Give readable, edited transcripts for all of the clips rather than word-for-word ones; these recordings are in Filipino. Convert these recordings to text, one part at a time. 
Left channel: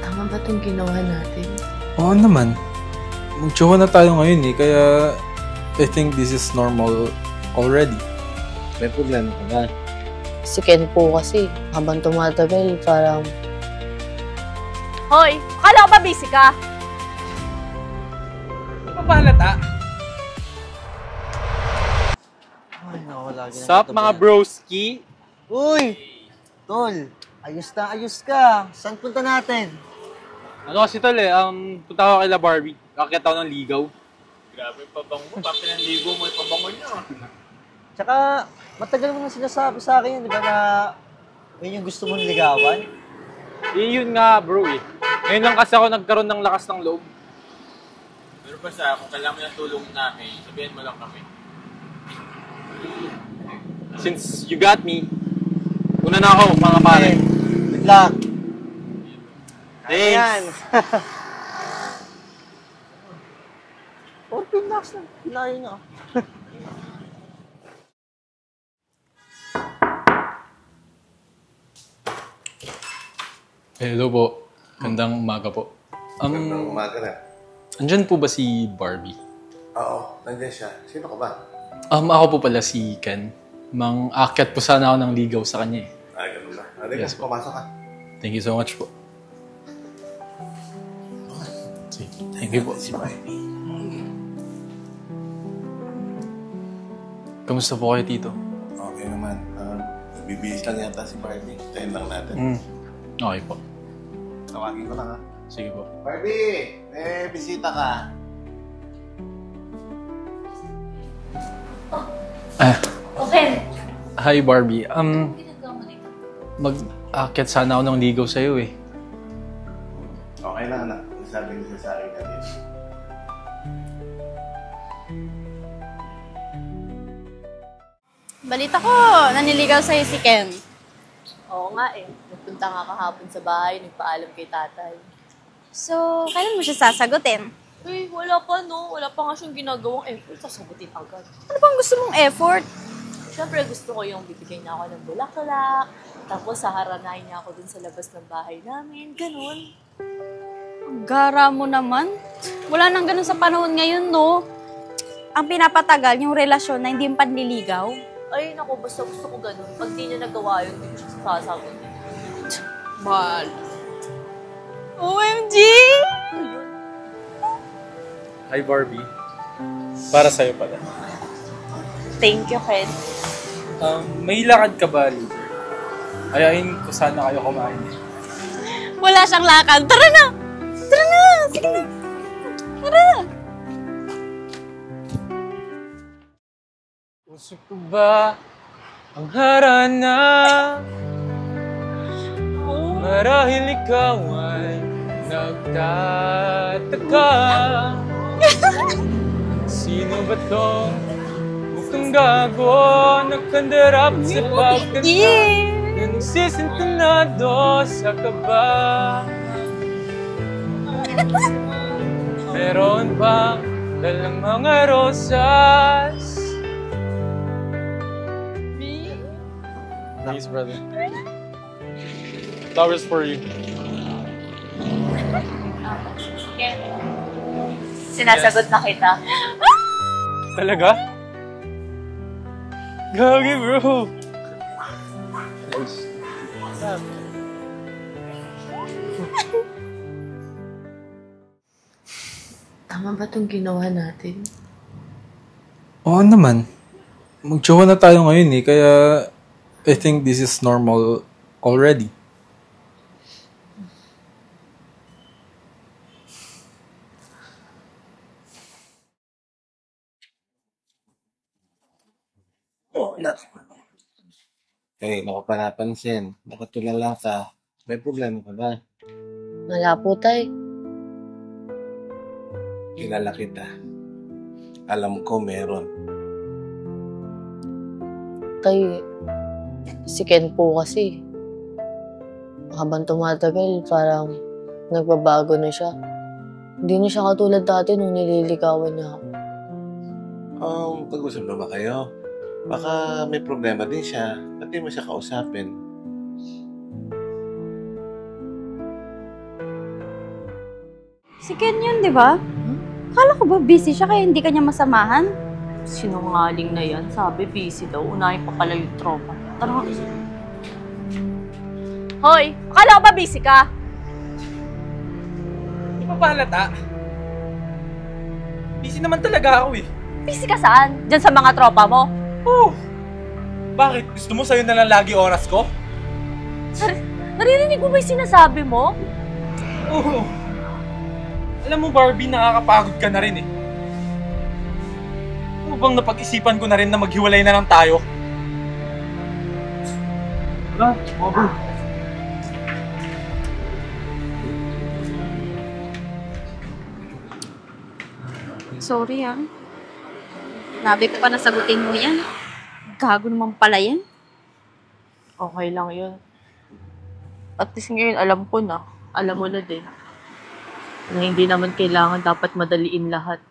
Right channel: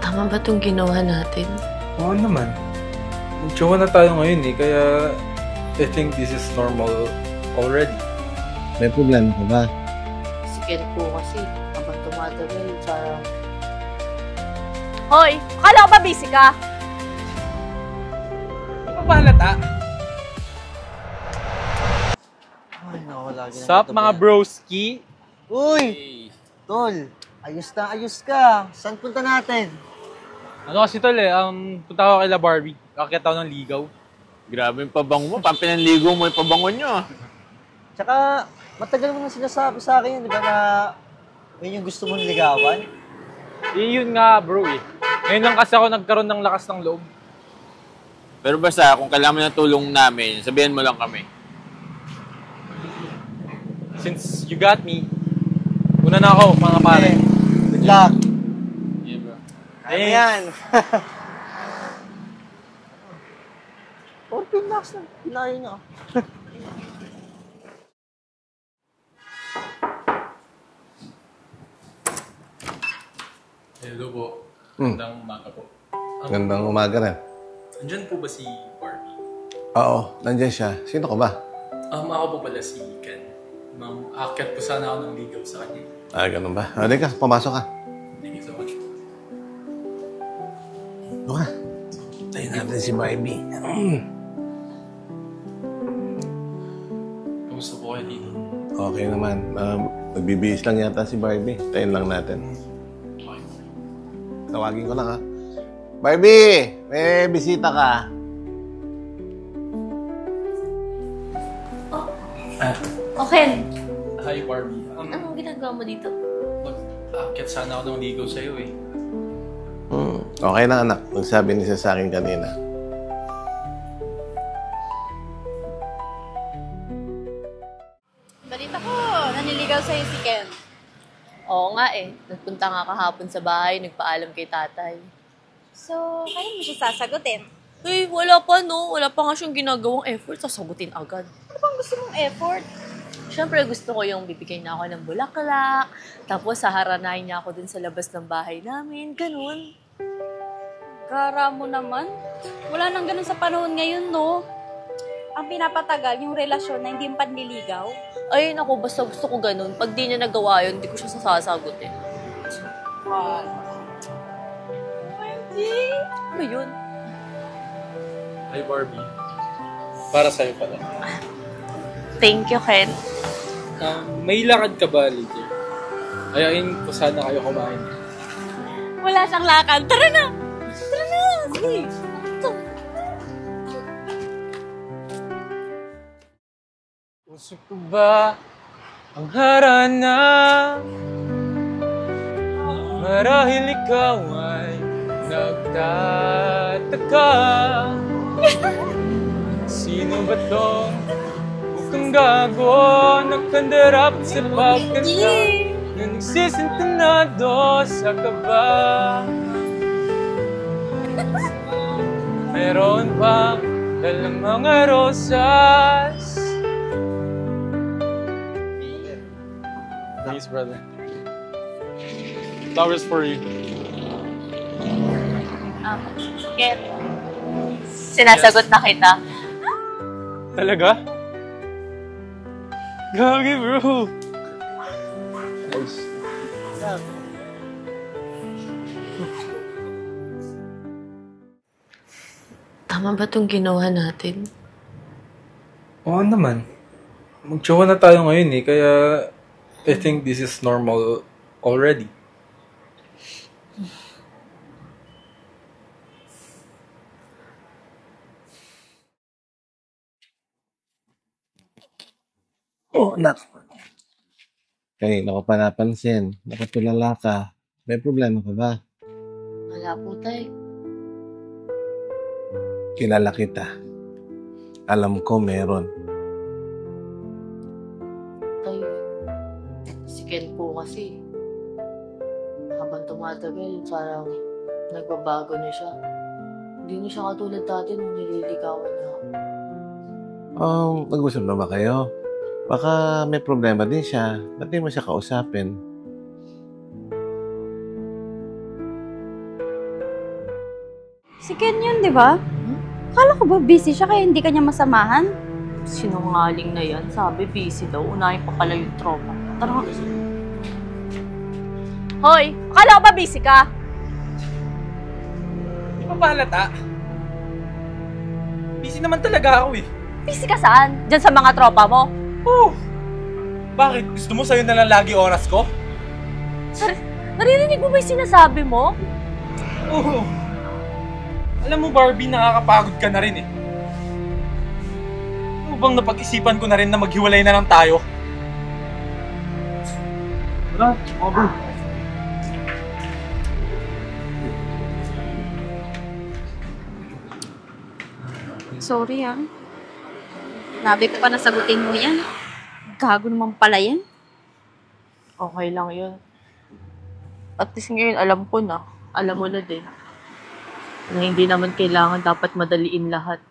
Tama ba itong ginawa natin? Oo naman. Mag-jowa na tayo ngayon eh, kaya I think this is normal already. May problema ka ba? Si Ken po kasi, habang tumatagal, parang... Hoy! Akala ko ba busy ka? Di pa halata? Ay, naku, lagi na Sup, ito mga ba? broski? Uy! Tol, ayos ka. Saan punta natin? Ano kasi tol punta ako kay La Barbie. Kakita ako ng ligaw. Grabe yung pabango mo. Pinanligo mo yung pabango niya. Tsaka, matagal mo na sinasabi sa akin yun, di ba, na yun yung gusto mong ligawan? Yun nga bro eh. Ngayon lang kasi ako nagkaroon ng lakas ng loob. Pero basta, kung kailangan mo ng tulong namin, sabihan mo lang kami. Since you got me, una na ako mga pare. Good luck. Yeah, bro. Ano yan? 14 lakhs lang. Pinayo niya. Hello po. Gandang umaga po. Gandang umaga na. Andyan po ba si Barbie? Oo, nandiyan siya. Sino ka ba? Ako po pala si Ken. Mang-akyat po sana ako ng ligaw sa kanya eh. Ganun ba? Halika, pumasok ka. Thank you so much po. Ano ka? Thank you po. Si Barbie. Kamusta po kayo, Tito? Okay naman. Nagbibihis lang yata si Barbie. Tayin lang natin. Okay po. Tawagin ko lang ha. Sige po. Barbie! May bisita ka. Okay. Hi, Barbie. Anong ginagawa mo dito? Mag-akyat sana ako ng ligaw sa'yo eh. Okay lang anak. Nagsabi niya sa akin kanina. Balita ko, naniligaw sa'yo si Ken. Oo nga eh. Nagpunta nga kahapon sa bahay, nagpaalam kay tatay. So, kailan mo siya sasagutin? Eh, wala pa no. Wala pa nga siyang ginagawang effort. Sasagutin agad. Ano bang gusto mong effort? Siyempre, gusto ko yung bibigay na ako ng bulaklak. Tapos, saharanahin niya ako dun sa labas ng bahay namin. Ganun. Ang gara mo naman. Wala nang ganun sa panahon ngayon, no? Ang pinapatagal yung relasyon na hindi yung panliligaw. Ay, naku, basta gusto ko ganun. Pag di niya nagawa yun, hindi ko siya sasagutin. Mal. OMG! Ano yun? Hi, Barbie. Para sa'yo pala. Thank you, Ken. May lakad ka ba later? Ayain ko sana kayo kumain. Wala siyang lakad. Tara na! Tara na! Sige! Tara! Puso ko ba ang harana? Marahil ikaw ay nagtataka. Sino ba tong mukhang gago nagkandarap sa pagkanta na nagsisintonado sa kaba? Meron bang dalang mga rosas? Thanks, brother. Flowers for you. Ken, sinasagot na kita. Talaga? Gagi, bro. Nice. Tama ba itong ginawa natin? Oo naman. Mag-jowa na tayo ngayon eh, kaya I think this is normal already. Oo, anak. Okay, ako pa napansin. Nakatulala ka. May problema ka ba? Wala po, tay. Kilala kita. Alam ko meron. Tay, si Ken po kasi. Habang tumatagal, parang nagbabago na siya. Hindi na siya katulad dati nung nililigawan niya ako. Nag-usap na ba kayo? Baka may problema din siya. Ba't di mo siya kausapin? Si Ken yun, di ba? Kala ko ba busy siya kaya hindi kanya masamahan? Sinungaling na yan. Sabi, busy daw. Unahin pa pala yung tropa. Tara. Hoy, akala ko ba busy ka? Di pa ba halata? Busy naman talaga ako eh. Busy ka saan? Diyan sa mga tropa mo? Oh! Bakit? Gusto mo sa'yo na lang lagi oras ko? Naririnig mo ba yung sinasabi mo? Oo. Alam mo, Barbie, nakakapagod ka na rin eh. Ano bang napag-isipan ko na rin na maghiwalay na lang tayo? Wala, mga bro. Sorry Nabi ko pa nasagutin mo yan. Gago naman pala yan. Okay lang yun. At least ngayon, alam ko na. Alam mo na din. Na hindi naman kailangan dapat madaliin lahat.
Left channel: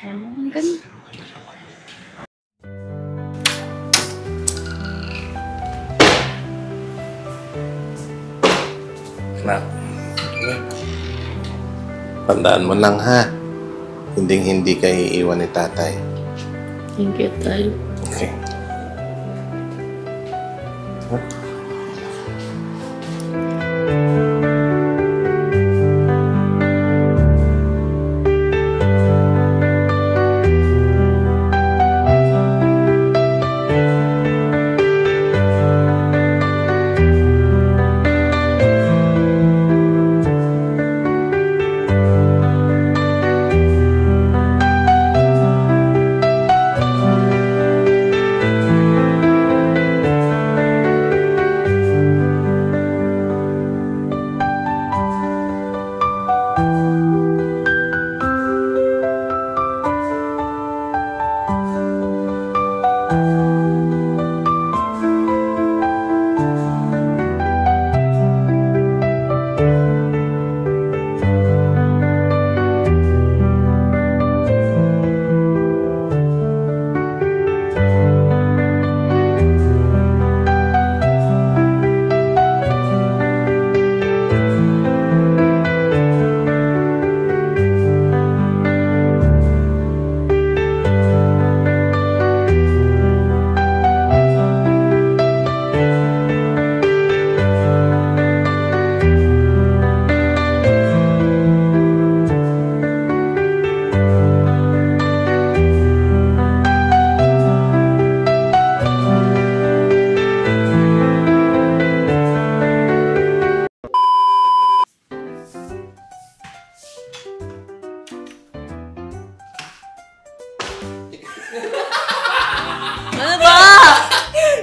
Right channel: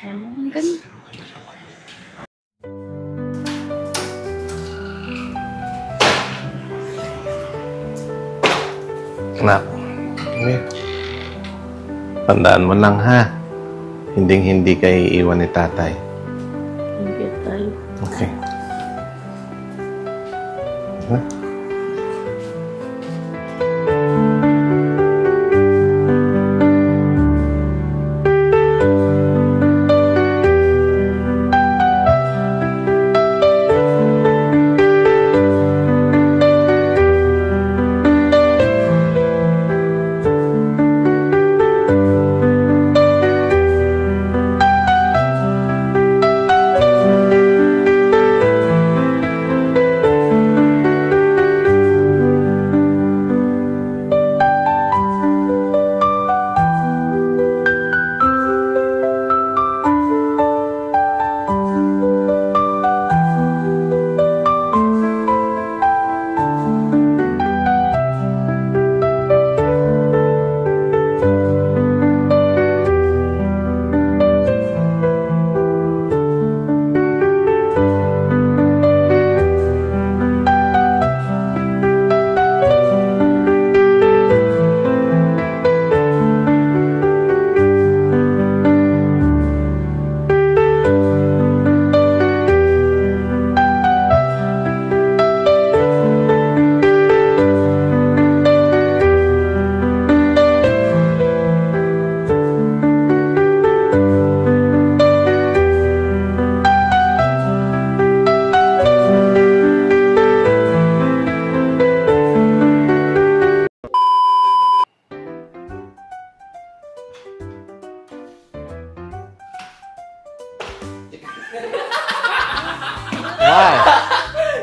Ang ganda. Anak, tandaan mo lang ha. Hindi kayo iiwan ni tatay. Thank you, Tay. Okay.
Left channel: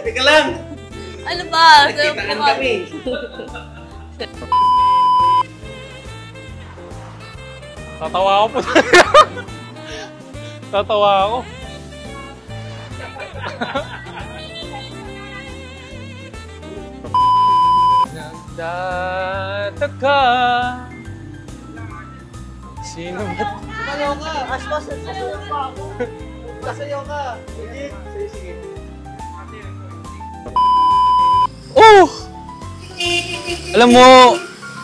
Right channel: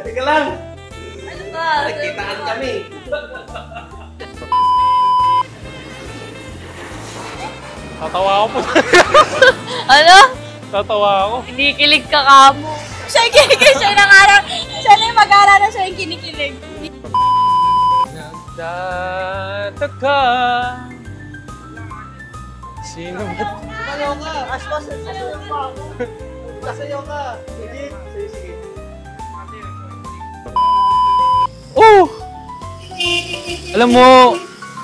Teka lang! Ano ba? Nagkitaan kami. Tatawa ako po. Ano? Tatawa ako. Kinikilig ka kamo. Siya yung kinikilig. Siya yung nang-aral. Siya na yung mag-aral na siya yung kinikilig. Nagtataka. Sino ba? Sumayaw ka! Aspas, sasayaw pa ako! Sasayaw ka! Sige! Sige. Oh! Alam mo,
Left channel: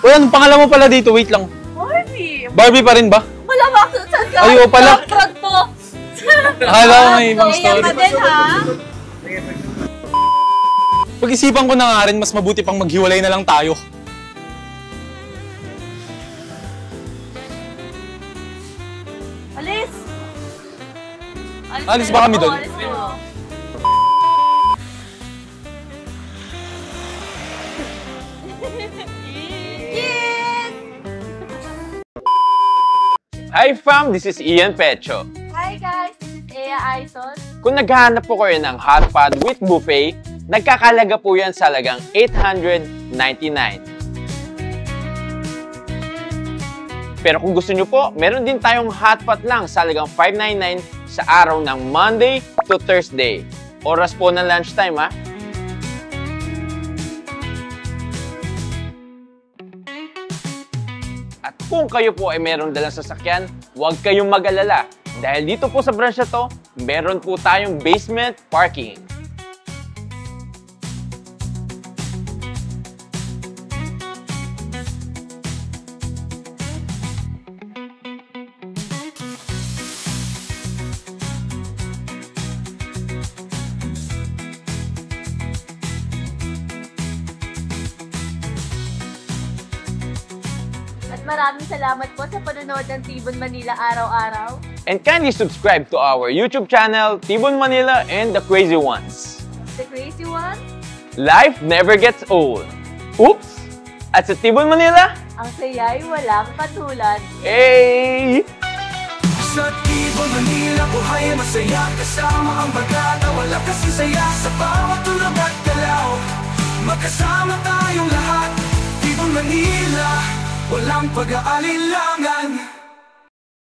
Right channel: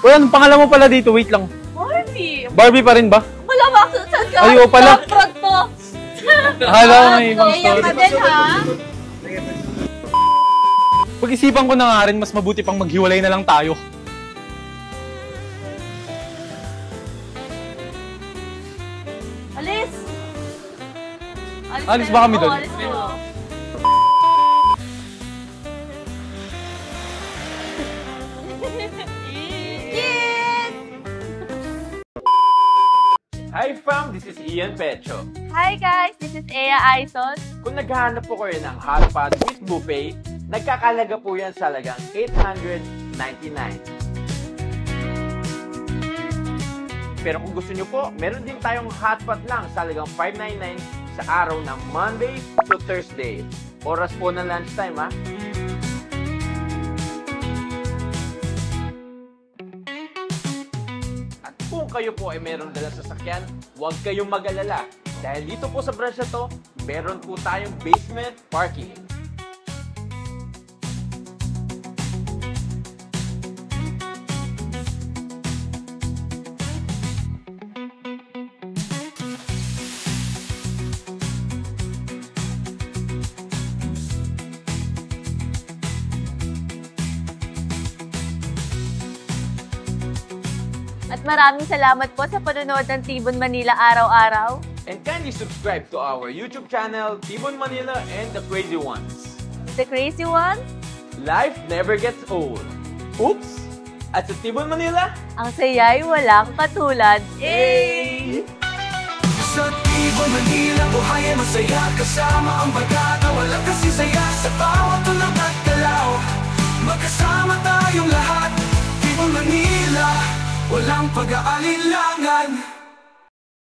anong pangalan mo pala dito? Wait lang. Barbie! Barbie pa rin ba? Malamang saan ka? Ayaw pala. Front mo! Akala ko may ibang Kaya story. ka din, ha? Pag-isipan ko na nga rin, mas mabuti pang maghiwalay na lang tayo. Alis! Alis ba kami doon? Alis mo. Hi fam, this is Ian Pecho. Hi guys, this is Ea Aizon. Kung naghahanap po kayo ng hot pot with buffet, nagkakalaga po yan sa halagang $899. Pero kung gusto nyo po, meron din tayong hot pot lang sa halagang $599 sa araw ng Monday to Thursday. Oras po ng lunchtime ha. At kung kayo po ay meron dalang sasakyan, huwag kayong mag-alala. Dahil dito po sa branch na to, meron po tayong basement parking. maraming salamat po sa panonood ng Tibon Manila araw-araw. And kindly subscribe to our YouTube channel, Tibon Manila and The Crazy Ones. The Crazy Ones? Life never gets old. Oops! At sa Tibon Manila, ang saya'y walang katulad. hey! Sa Tibon Manila, buhay ay masaya kasama ang bagata. Wala kasi saya sa bawat tulog at galaw. Magkasama tayong lahat, Tibon Manila, walang pag-aalilangan.